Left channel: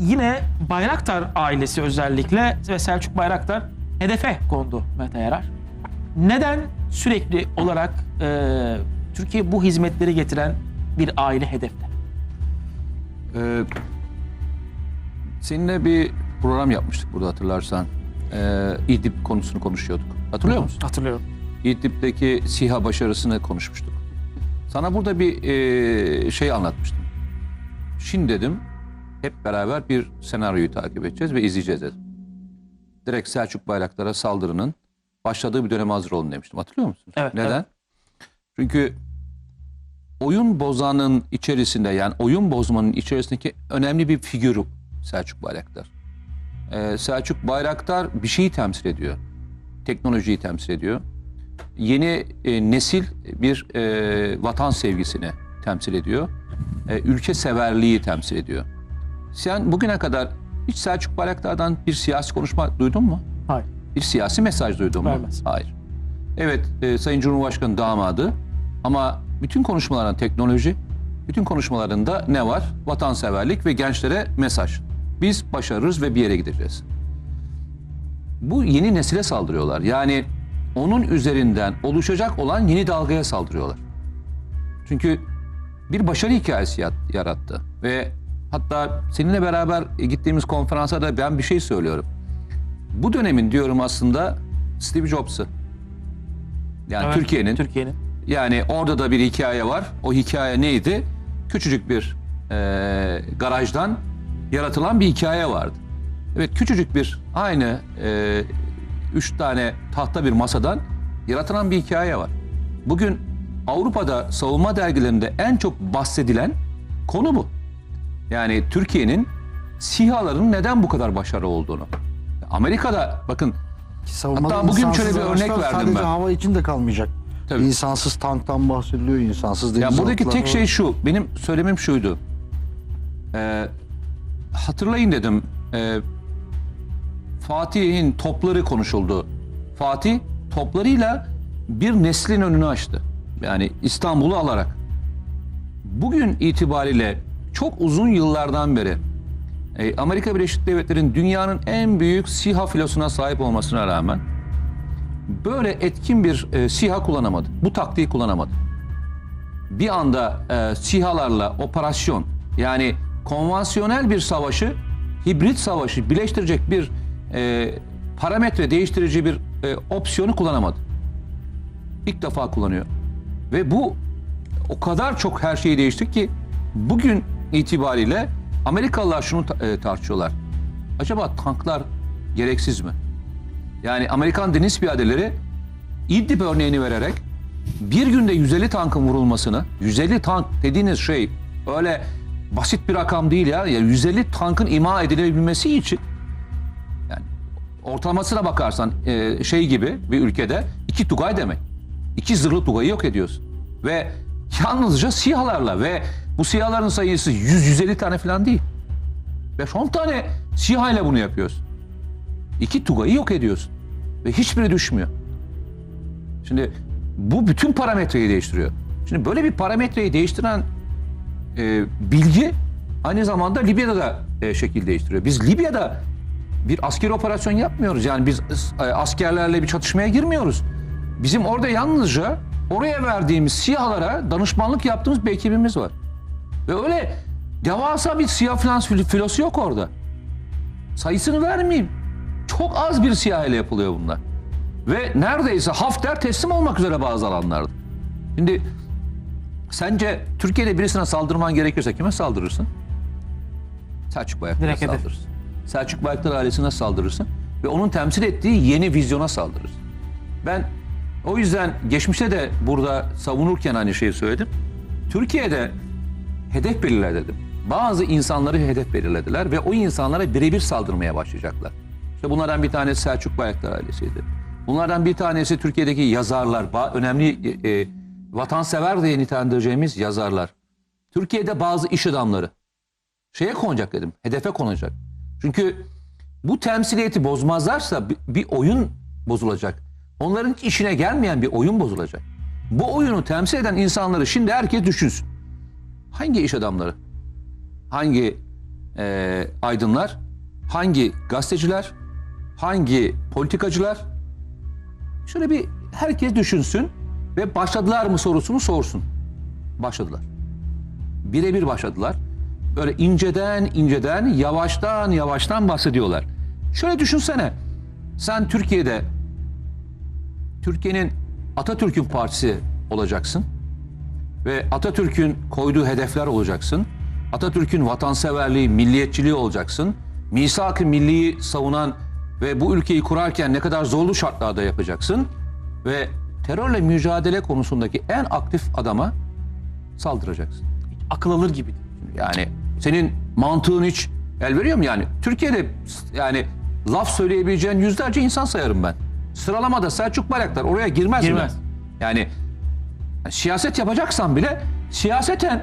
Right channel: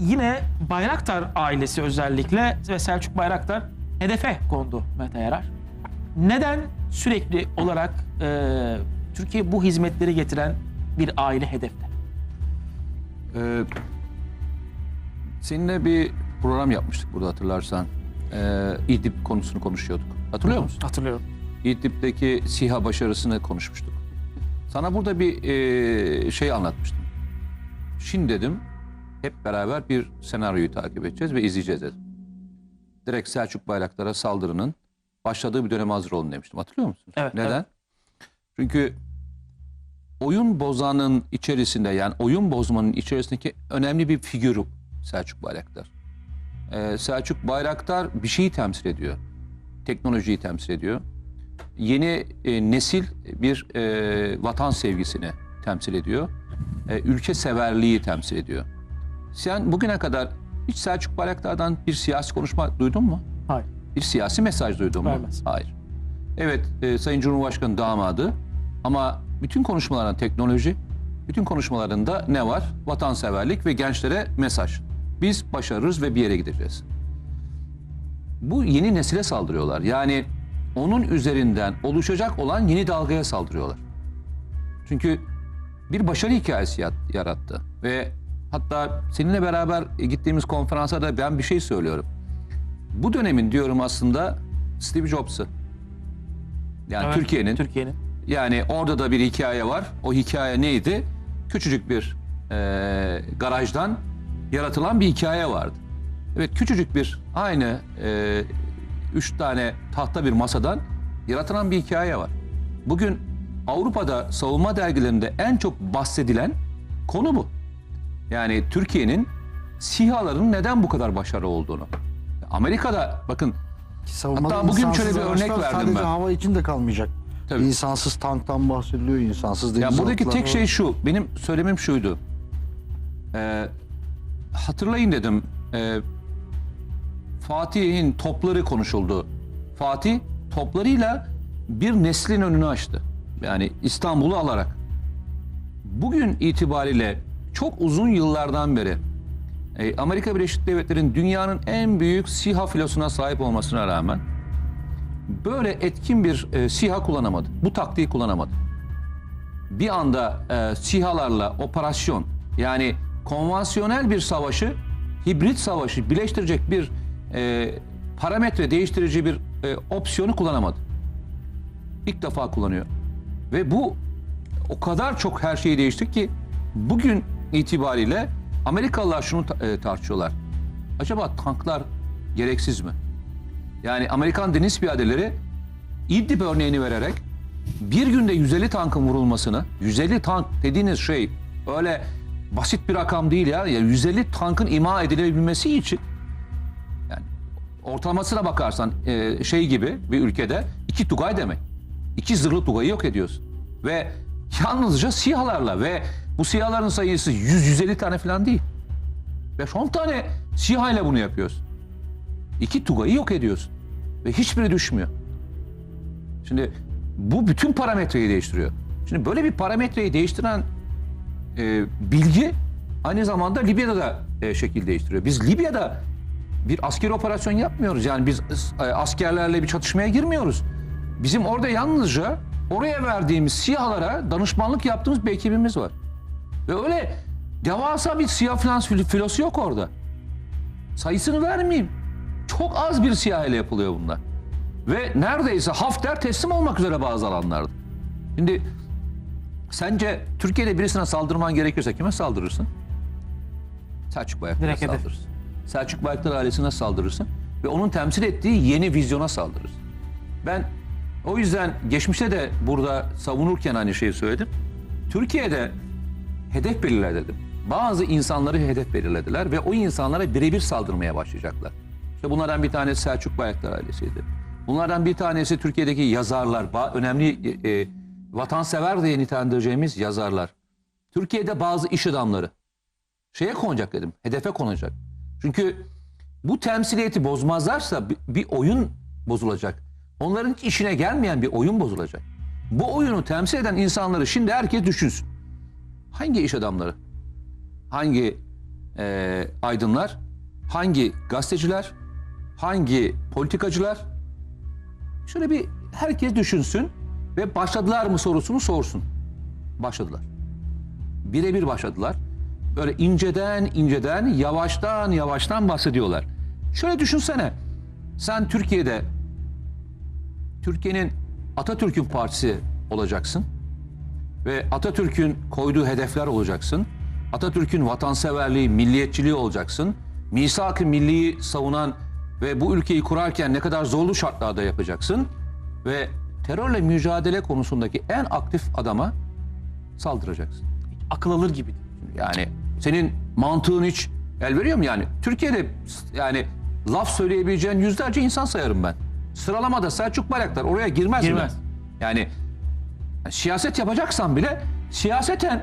yine Bayraktar ailesi özellikle ve Selçuk Bayraktar hedefe kondu Mete Yarar. Neden sürekli olarak e, Türkiye bu hizmetleri getiren bir aile hedefte? Ee, seninle bir program yapmıştık burada hatırlarsan. Ee, İdlib konusunu konuşuyorduk. Hatırlıyor musun? Hatırlıyorum. İdlib'deki SİHA başarısını konuşmuştuk. Sana burada bir e, şey anlatmıştım. Şimdi dedim hep beraber bir senaryoyu takip edeceğiz ve izleyeceğiz dedim. Direkt Selçuk Bayraktar'a saldırının başladığı bir döneme hazır olun demiştim. Hatırlıyor musun? Evet, Neden? evet. Çünkü oyun bozanın içerisinde yani oyun bozmanın içerisindeki önemli bir figür Selçuk Bayraktar. Ee, Selçuk Bayraktar bir şeyi temsil ediyor. Teknolojiyi temsil ediyor. Yeni e, nesil bir e, vatan sevgisini temsil ediyor. E, ülke severliği temsil ediyor. Sen bugüne kadar hiç Selçuk Bayraktar'dan bir siyasi konuşma duydun mu? Hayır. Bir siyasi mesaj duydun mu? Vermez. Hayır. Evet, e, Sayın Cumhurbaşkanı damadı ama bütün konuşmalarında teknoloji, bütün konuşmalarında ne var? Vatanseverlik ve gençlere mesaj. Biz başarırız ve bir yere gideceğiz. Bu yeni nesile saldırıyorlar. Yani onun üzerinden oluşacak olan yeni dalgaya saldırıyorlar. Çünkü bir başarı hikayesi yarattı ve hatta seninle beraber gittiğimiz konferansa da ben bir şey söylüyorum. Bu dönemin diyorum aslında Steve Jobs'ı. Yani Evet, Türkiye'nin Türkiye'nin. yani orada da bir hikaye var. O hikaye neydi? Küçücük bir e, garajdan yaratılan bir hikaye vardı. Evet küçücük bir aynı e, üç tane tahta bir masadan yaratılan bir hikaye var. Bugün Avrupa'da savunma dergilerinde en çok bahsedilen konu bu. Yani Türkiye'nin SİHA'ların neden bu kadar başarılı olduğunu. Amerika'da bakın Savunmada Hatta bugün şöyle bir örnek verdim sadece ben. hava için de kalmayacak. Tabii. İnsansız tanktan bahsediliyor, insansız deniz Ya buradaki tek şey şu, benim söylemim şuydu. Ee, hatırlayın dedim, e, Fatih'in topları konuşuldu. Fatih toplarıyla bir neslin önünü açtı. Yani İstanbul'u alarak. Bugün itibariyle çok uzun yıllardan beri e, Amerika Birleşik Devletleri'nin dünyanın en büyük SİHA filosuna sahip olmasına rağmen böyle etkin bir e, SİHA kullanamadı. Bu taktiği kullanamadı bir anda e, SİHA'larla operasyon yani konvansiyonel bir savaşı hibrit savaşı birleştirecek bir e, parametre değiştirici bir e, opsiyonu kullanamadı. İlk defa kullanıyor. Ve bu o kadar çok her şeyi değişti ki bugün itibariyle Amerikalılar şunu e, tartışıyorlar. Acaba tanklar gereksiz mi? Yani Amerikan deniz piyadeleri İdlib örneğini vererek bir günde 150 tankın vurulmasını, 150 tank dediğiniz şey öyle basit bir rakam değil ya. Yani 150 tankın ima edilebilmesi için yani ortalamasına bakarsan e, şey gibi bir ülkede iki Tugay demek. İki zırhlı Tugay'ı yok ediyorsun. Ve yalnızca SİHA'larla ve bu SİHA'ların sayısı 100-150 tane falan değil. 5-10 tane SİHA ile bunu yapıyorsun. İki Tugay'ı yok ediyorsun. Ve hiçbiri düşmüyor. Şimdi bu bütün parametreyi değiştiriyor. Şimdi böyle bir parametreyi değiştiren e, bilgi aynı zamanda Libya'da da e, şekil değiştiriyor. Biz Libya'da bir askeri operasyon yapmıyoruz. Yani biz e, askerlerle bir çatışmaya girmiyoruz. Bizim orada yalnızca oraya verdiğimiz SİHA'lara danışmanlık yaptığımız bir ekibimiz var. Ve öyle devasa bir falan fil- filosu yok orada. Sayısını vermeyeyim. Çok az bir SİHA ile yapılıyor bunlar. Ve neredeyse Hafter teslim olmak üzere bazı alanlarda. Şimdi sence Türkiye'de birisine saldırman gerekiyorsa kime saldırırsın? Selçuk hedef. saldırırsın. Selçuk Bayraktar ailesine saldırırsın. Ve onun temsil ettiği yeni vizyona saldırırsın. Ben o yüzden geçmişte de burada savunurken aynı şeyi söyledim. Türkiye'de hedef belirle dedim. Bazı insanları hedef belirlediler ve o insanlara birebir saldırmaya başlayacaklar. İşte bunlardan bir tanesi Selçuk Bayraktar ailesiydi. Bunlardan bir tanesi Türkiye'deki yazarlar, önemli e, e, vatansever diye nitelendireceğimiz yazarlar. Türkiye'de bazı iş adamları şeye konacak dedim, hedefe konacak. Çünkü bu temsiliyeti bozmazlarsa bir, oyun bozulacak. Onların işine gelmeyen bir oyun bozulacak. Bu oyunu temsil eden insanları şimdi herkes düşünsün. Hangi iş adamları? Hangi e, aydınlar, hangi gazeteciler, hangi politikacılar şöyle bir herkes düşünsün ve başladılar mı sorusunu sorsun. Başladılar. Birebir başladılar. Böyle inceden inceden, yavaştan yavaştan bahsediyorlar. Şöyle düşünsene. Sen Türkiye'de Türkiye'nin Atatürk'ün partisi olacaksın ve Atatürk'ün koyduğu hedefler olacaksın. Atatürk'ün vatanseverliği, milliyetçiliği olacaksın. Misak-ı milliyi savunan ve bu ülkeyi kurarken ne kadar zorlu şartlarda yapacaksın. Ve terörle mücadele konusundaki en aktif adama saldıracaksın. Akıl alır gibi. Yani senin mantığın hiç el veriyor mu yani? Türkiye'de yani laf söyleyebileceğin yüzlerce insan sayarım ben. Sıralamada Selçuk Bayraktar oraya girmez, Girmez. mi? Yani siyaset yapacaksan bile siyaseten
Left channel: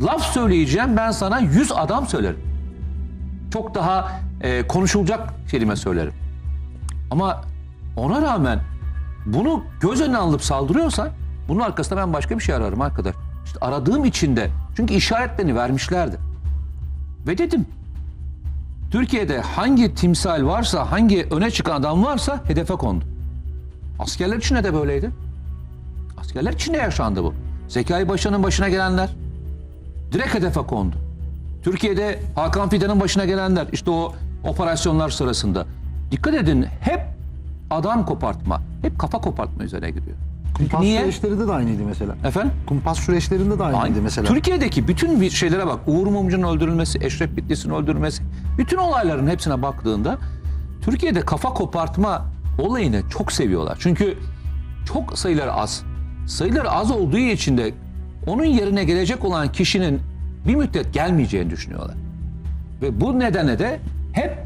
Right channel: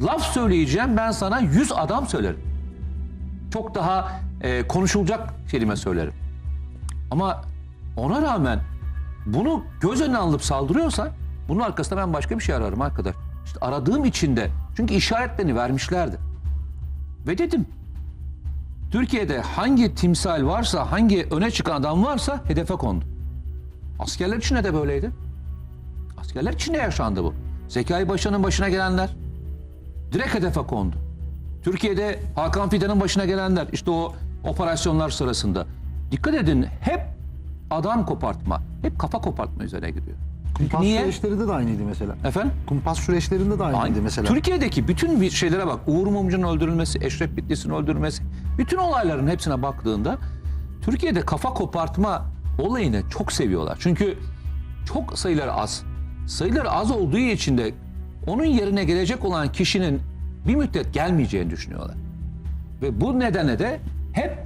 laf söyleyeceğim ben sana 100 adam söylerim. Çok daha e, konuşulacak kelime söylerim. Ama ona rağmen bunu göz önüne alıp saldırıyorsan bunun arkasında ben başka bir şey ararım arkadaş. İşte aradığım için de çünkü işaretlerini vermişlerdi. Ve dedim Türkiye'de hangi timsal varsa, hangi öne çıkan adam varsa hedefe kondu. Askerler için de böyleydi. Askerler için de yaşandı bu. Zekai Paşa'nın başına gelenler direkt hedefe kondu. Türkiye'de Hakan Fidan'ın başına gelenler işte o operasyonlar sırasında. Dikkat edin hep adam kopartma, hep kafa kopartma üzerine gidiyor. Kumpas niye? süreçlerinde de aynıydı mesela. Efendim? Kumpas süreçlerinde de aynıydı Aynı. mesela. Türkiye'deki bütün bir şeylere bak. Uğur Mumcu'nun öldürülmesi, Eşref Bitlis'in öldürülmesi. Bütün olayların hepsine baktığında Türkiye'de kafa kopartma olayını çok seviyorlar. Çünkü çok sayıları az. Sayıları az olduğu için de onun yerine gelecek olan kişinin bir müddet gelmeyeceğini düşünüyorlar. Ve bu nedenle de hep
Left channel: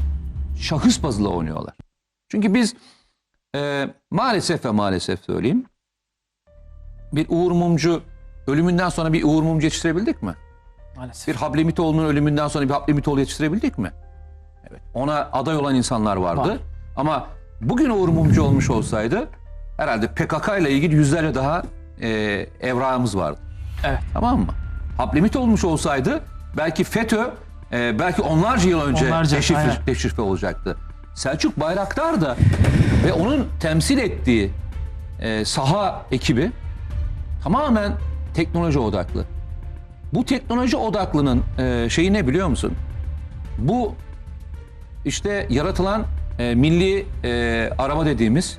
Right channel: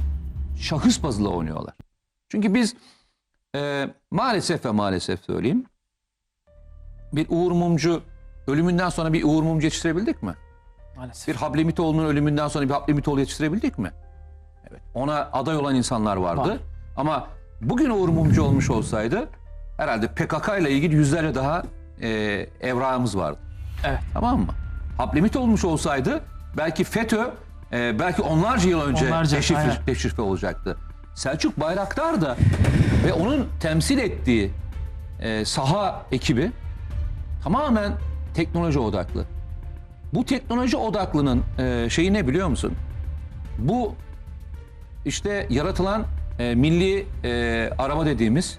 şahıs bazlı oynuyorlar. Çünkü biz e, maalesef ve maalesef söyleyeyim bir Uğur Mumcu ölümünden sonra bir Uğur Mumcu yetiştirebildik mi? Maalesef. Bir Hablemitoğlu'nun ölümünden sonra bir Hablemitoğlu yetiştirebildik mi? Evet. Ona aday olan insanlar vardı. Var. Ama bugün Uğur Mumcu olmuş olsaydı herhalde PKK ile ilgili yüzlerce daha e, evrağımız vardı. Evet. Tamam mı? Hablemit olmuş olsaydı belki FETÖ e, belki onlarca yıl önce Onlarca, deşifre, aynen. deşifre olacaktı. Selçuk Bayraktar da ve onun temsil ettiği e, saha ekibi tamamen teknoloji odaklı. Bu teknoloji odaklının e, şeyi ne biliyor musun? Bu işte yaratılan e, milli e, araba dediğimiz,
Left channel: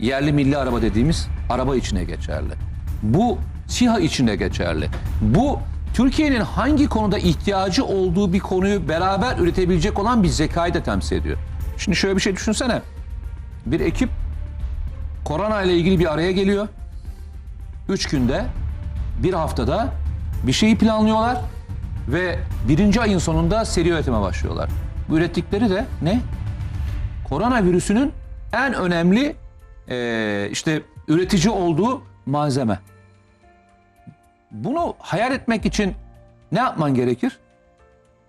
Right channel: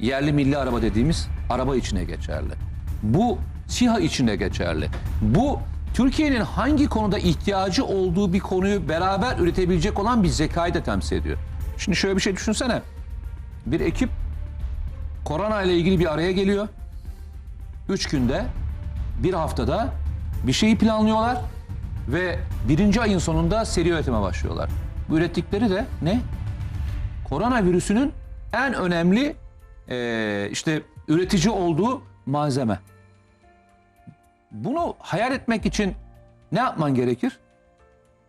yerli milli araba dediğimiz araba içine geçerli. Bu SİHA içine geçerli. Bu Türkiye'nin hangi konuda ihtiyacı olduğu bir konuyu beraber üretebilecek olan bir zekayı da temsil ediyor. Şimdi şöyle bir şey düşünsene. Bir ekip korona ile ilgili bir araya geliyor. Üç günde, bir haftada bir şeyi planlıyorlar ve birinci ayın sonunda seri üretime başlıyorlar. Bu ürettikleri de ne? Koronavirüsünün en önemli eee, işte üretici olduğu malzeme. Bunu hayal etmek için ne yapman gerekir?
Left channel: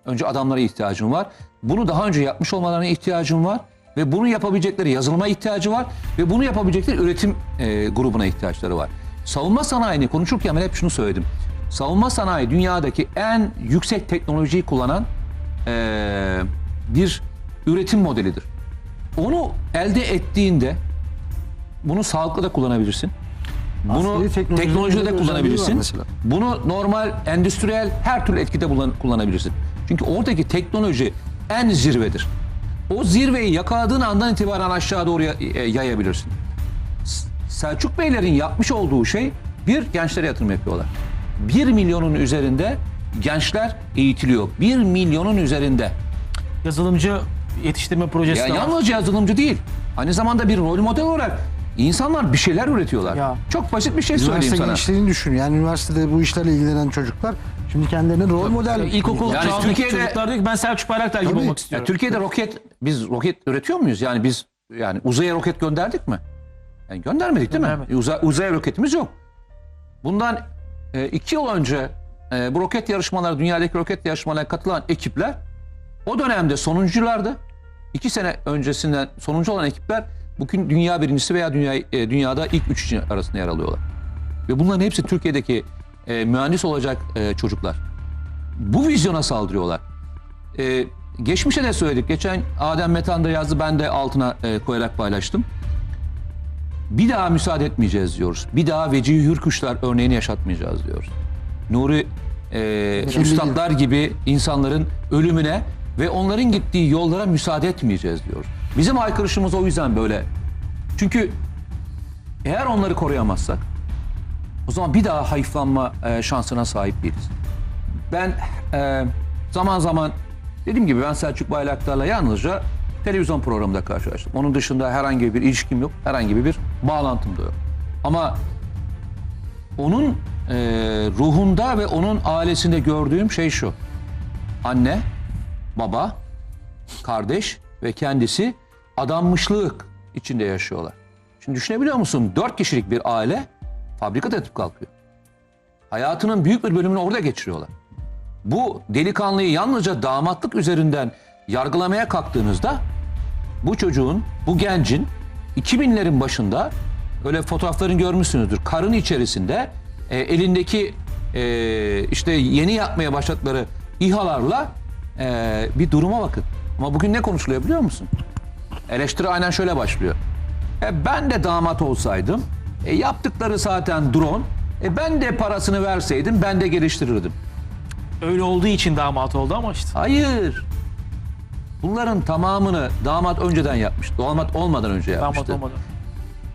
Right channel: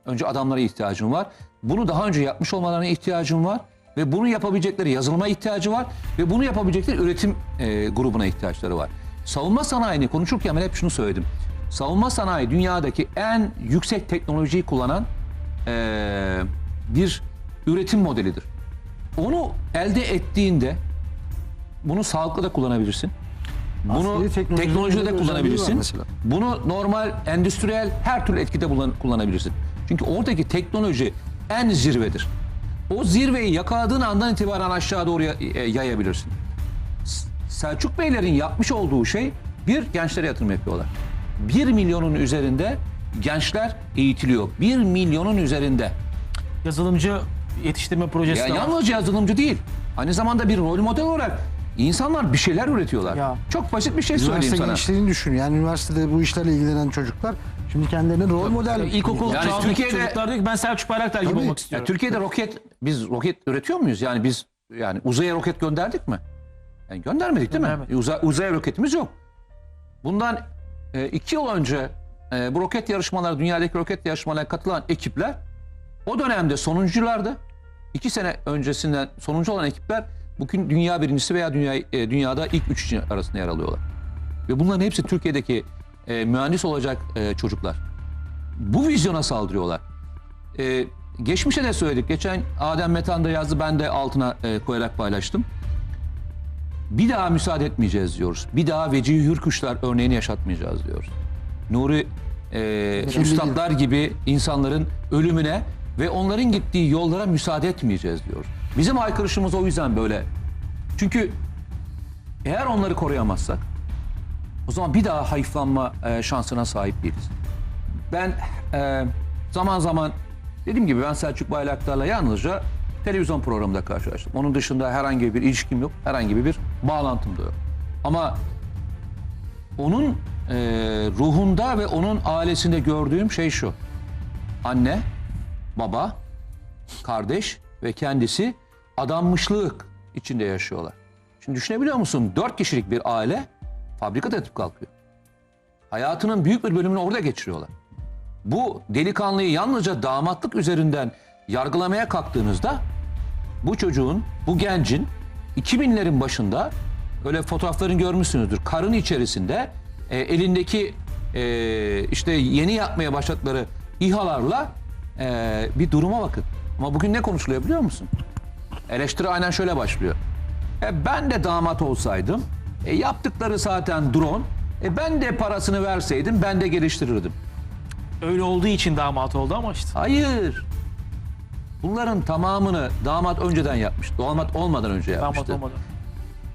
Önce adamlara ihtiyacın var. Bunu daha önce yapmış olmalarına ihtiyacın var. Ve bunu yapabilecekleri yazılıma ihtiyacı var. Ve bunu yapabilecekleri üretim e, grubuna ihtiyaçları var. Savunma sanayini konuşurken ben hep şunu söyledim. Savunma sanayi dünyadaki en yüksek teknolojiyi kullanan e, bir üretim modelidir. Onu elde ettiğinde bunu sağlıklı da kullanabilirsin. Bunu teknolojide de kullanabilirsin. Bunu normal, endüstriyel her türlü etkide kullan- kullanabilirsin. Çünkü oradaki teknoloji en zirvedir. O zirveyi yakaladığın andan itibaren aşağı doğru e, yayabilirsin. Selçuk Beylerin yapmış olduğu şey bir gençlere yatırım yapıyorlar. Bir milyonun üzerinde gençler eğitiliyor. Bir milyonun üzerinde. Yazılımcı yetiştirme projesi Ya yalnızca yazılımcı değil. Aynı zamanda bir rol model olarak insanlar bir şeyler üretiyorlar. Ya. Çok basit bir şey söyleyeyim Üniversite sana. gençliğini düşün. Yani üniversitede bu işlerle ilgilenen çocuklar şimdi kendilerini rol model... İlkokul Yani çağındaki Türkiye'de- çocuklar diyor ki ben Selçuk Bayraktar gibi Tabii. olmak Ya istiyorum. Türkiye'de roket biz roket üretiyor muyuz? Yani biz yani uzaya roket gönderdik mi? Yani göndermedik değil mi? Göndermedik. Uza, uzaya roketimiz yok. Bundan e, iki yıl önce e, bu roket yarışmaları, dünyadaki roket yarışmalarına katılan ekipler o dönemde sonunculardı. İki sene öncesinden sonuncu olan ekipler bugün dünya birincisi veya dünya, e, dünyada ilk üç arasında yer alıyorlar. Ve bunların hepsi Türkiye'deki e, mühendis olacak e, çocuklar. Bu vizyona saldırıyorlar. e, geçmişe de söyledik. Geçen Adem Metan da yazdı ben de altına e, koyarak paylaştım. Bir daha müsaade etmeyeceğiz diyoruz. Bir daha Vecihi Hürkuşlar örneğini yaşatmayacağız diyoruz. Nuri e, üstadlar gibi insanların ölümüne ve onların gittiği yollara müsaade etmeyeceğiz diyoruz. Bizim aykırışımız o yüzden böyle. Çünkü eğer onları koruyamazsak o zaman bir daha hayıflanma e, şansına sahip değiliz. Ben e, zaman zaman dediğim gibi ben Selçuk Bayraktar'la yalnızca televizyon programında karşılaştım. Onun dışında herhangi bir ilişkim yok, herhangi bir bağlantım da yok. Ama onun e, ruhunda ve onun ailesinde gördüğüm şey şu. Anne, baba, kardeş ve kendisi adanmışlık içinde yaşıyorlar. Şimdi düşünebiliyor musun? Dört kişilik bir aile fabrika yatıp kalkıyor. Hayatının büyük bir bölümünü orada geçiriyorlar. Bu delikanlıyı yalnızca damatlık üzerinden yargılamaya kalktığınızda bu çocuğun, bu gencin 2000'lerin başında öyle fotoğraflarını görmüşsünüzdür. Karın içerisinde e, elindeki e, işte yeni yapmaya başladıkları İHA'larla e, bir duruma bakın. Ama bugün ne konuşuluyor biliyor musun? Eleştiri aynen şöyle başlıyor. E, ben de damat olsaydım, e, yaptıkları zaten drone, e, ben de parasını verseydim ben de geliştirirdim. Öyle olduğu için damat oldu ama işte. Hayır. Bunların tamamını damat önceden yapmış. Damat olmadan önce yapmıştı. Damat olmadı.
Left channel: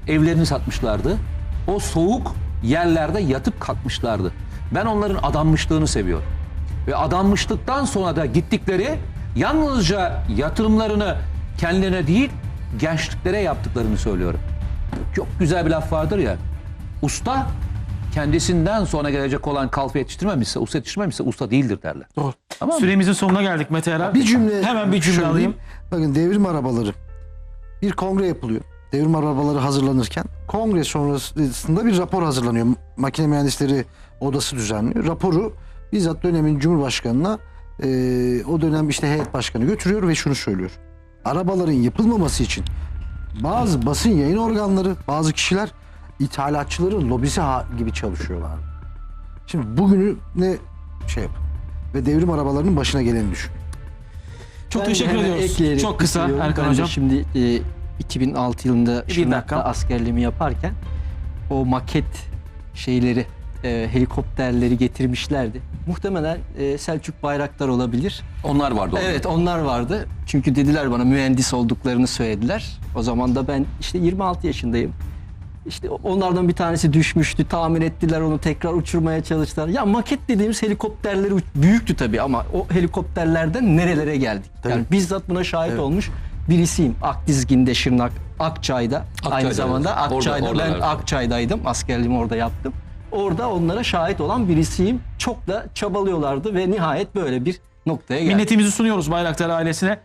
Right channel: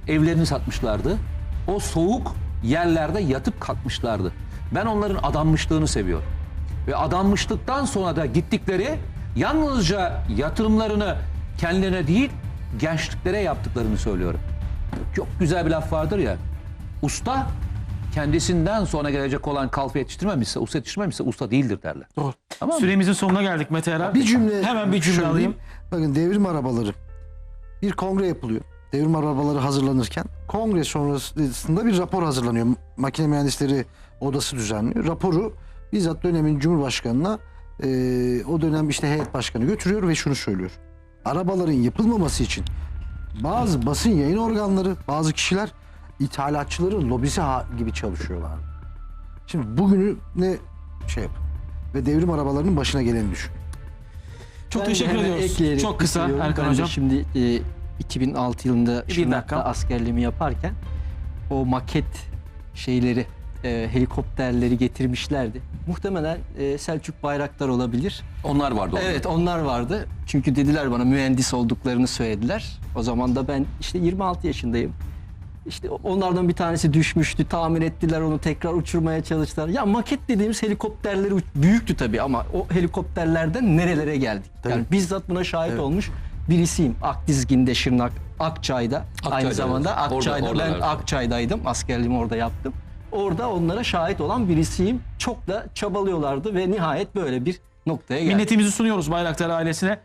Evlerini satmışlardı. O soğuk yerlerde yatıp kalkmışlardı. Ben onların adanmışlığını seviyorum. Ve adanmışlıktan sonra da gittikleri yalnızca yatırımlarını kendilerine değil gençliklere yaptıklarını söylüyorum. Çok güzel bir laf vardır ya. Usta kendisinden sonra gelecek olan kalfa yetiştirmemişse, usta yetiştirmemişse usta değildir derler. Doğru. Tamam mı? Süremizin sonuna geldik Mete Yarar. Bir cümle Hemen bir cümle söyleyeyim. alayım. Bakın devrim arabaları. Bir kongre yapılıyor. Devrim arabaları hazırlanırken kongre sonrasında bir rapor hazırlanıyor. Makine mühendisleri odası düzenliyor. Raporu bizzat dönemin Cumhurbaşkanı'na e, o dönem işte heyet başkanı götürüyor ve şunu söylüyor. Arabaların yapılmaması için bazı basın yayın organları, bazı kişiler ithalatçıların lobisi gibi çalışıyorlar. Şimdi bugünü ne şey yapın ve devrim arabalarının başına geleni düşün. Çok Ben teşekkür ediyoruz. Çok kısa. Erkan Hocam. Şimdi e, 2006 yılında Şırnak'ta askerliğimi yaparken o maket şeyleri e, helikopterleri getirmişlerdi. Muhtemelen e, Selçuk Bayraktar olabilir. Onlar vardı orada. Evet onlar vardı. Çünkü dediler bana mühendis olduklarını söylediler. O zaman da ben işte 26 yaşındayım. İşte onlardan bir tanesi düşmüştü. Tamir ettiler onu tekrar uçurmaya çalıştılar. Ya maket dediğimiz helikopterleri büyüktü tabii ama o helikopterlerden nerelere geldik? Yani bizzat buna şahit olmuş birisiyim. Akdizgin'de Şırnak, Akçay'da. Akçay'da, aynı zamanda evet. Orada- Akçay'da ben. Akçay'daydım. Askerliğimi orada yaptım. Orada onlara şahit olan birisiyim. Çok da çabalıyorlardı ve nihayet böyle bir noktaya geldik. Minnetimizi sunuyoruz Bayraktar ailesine.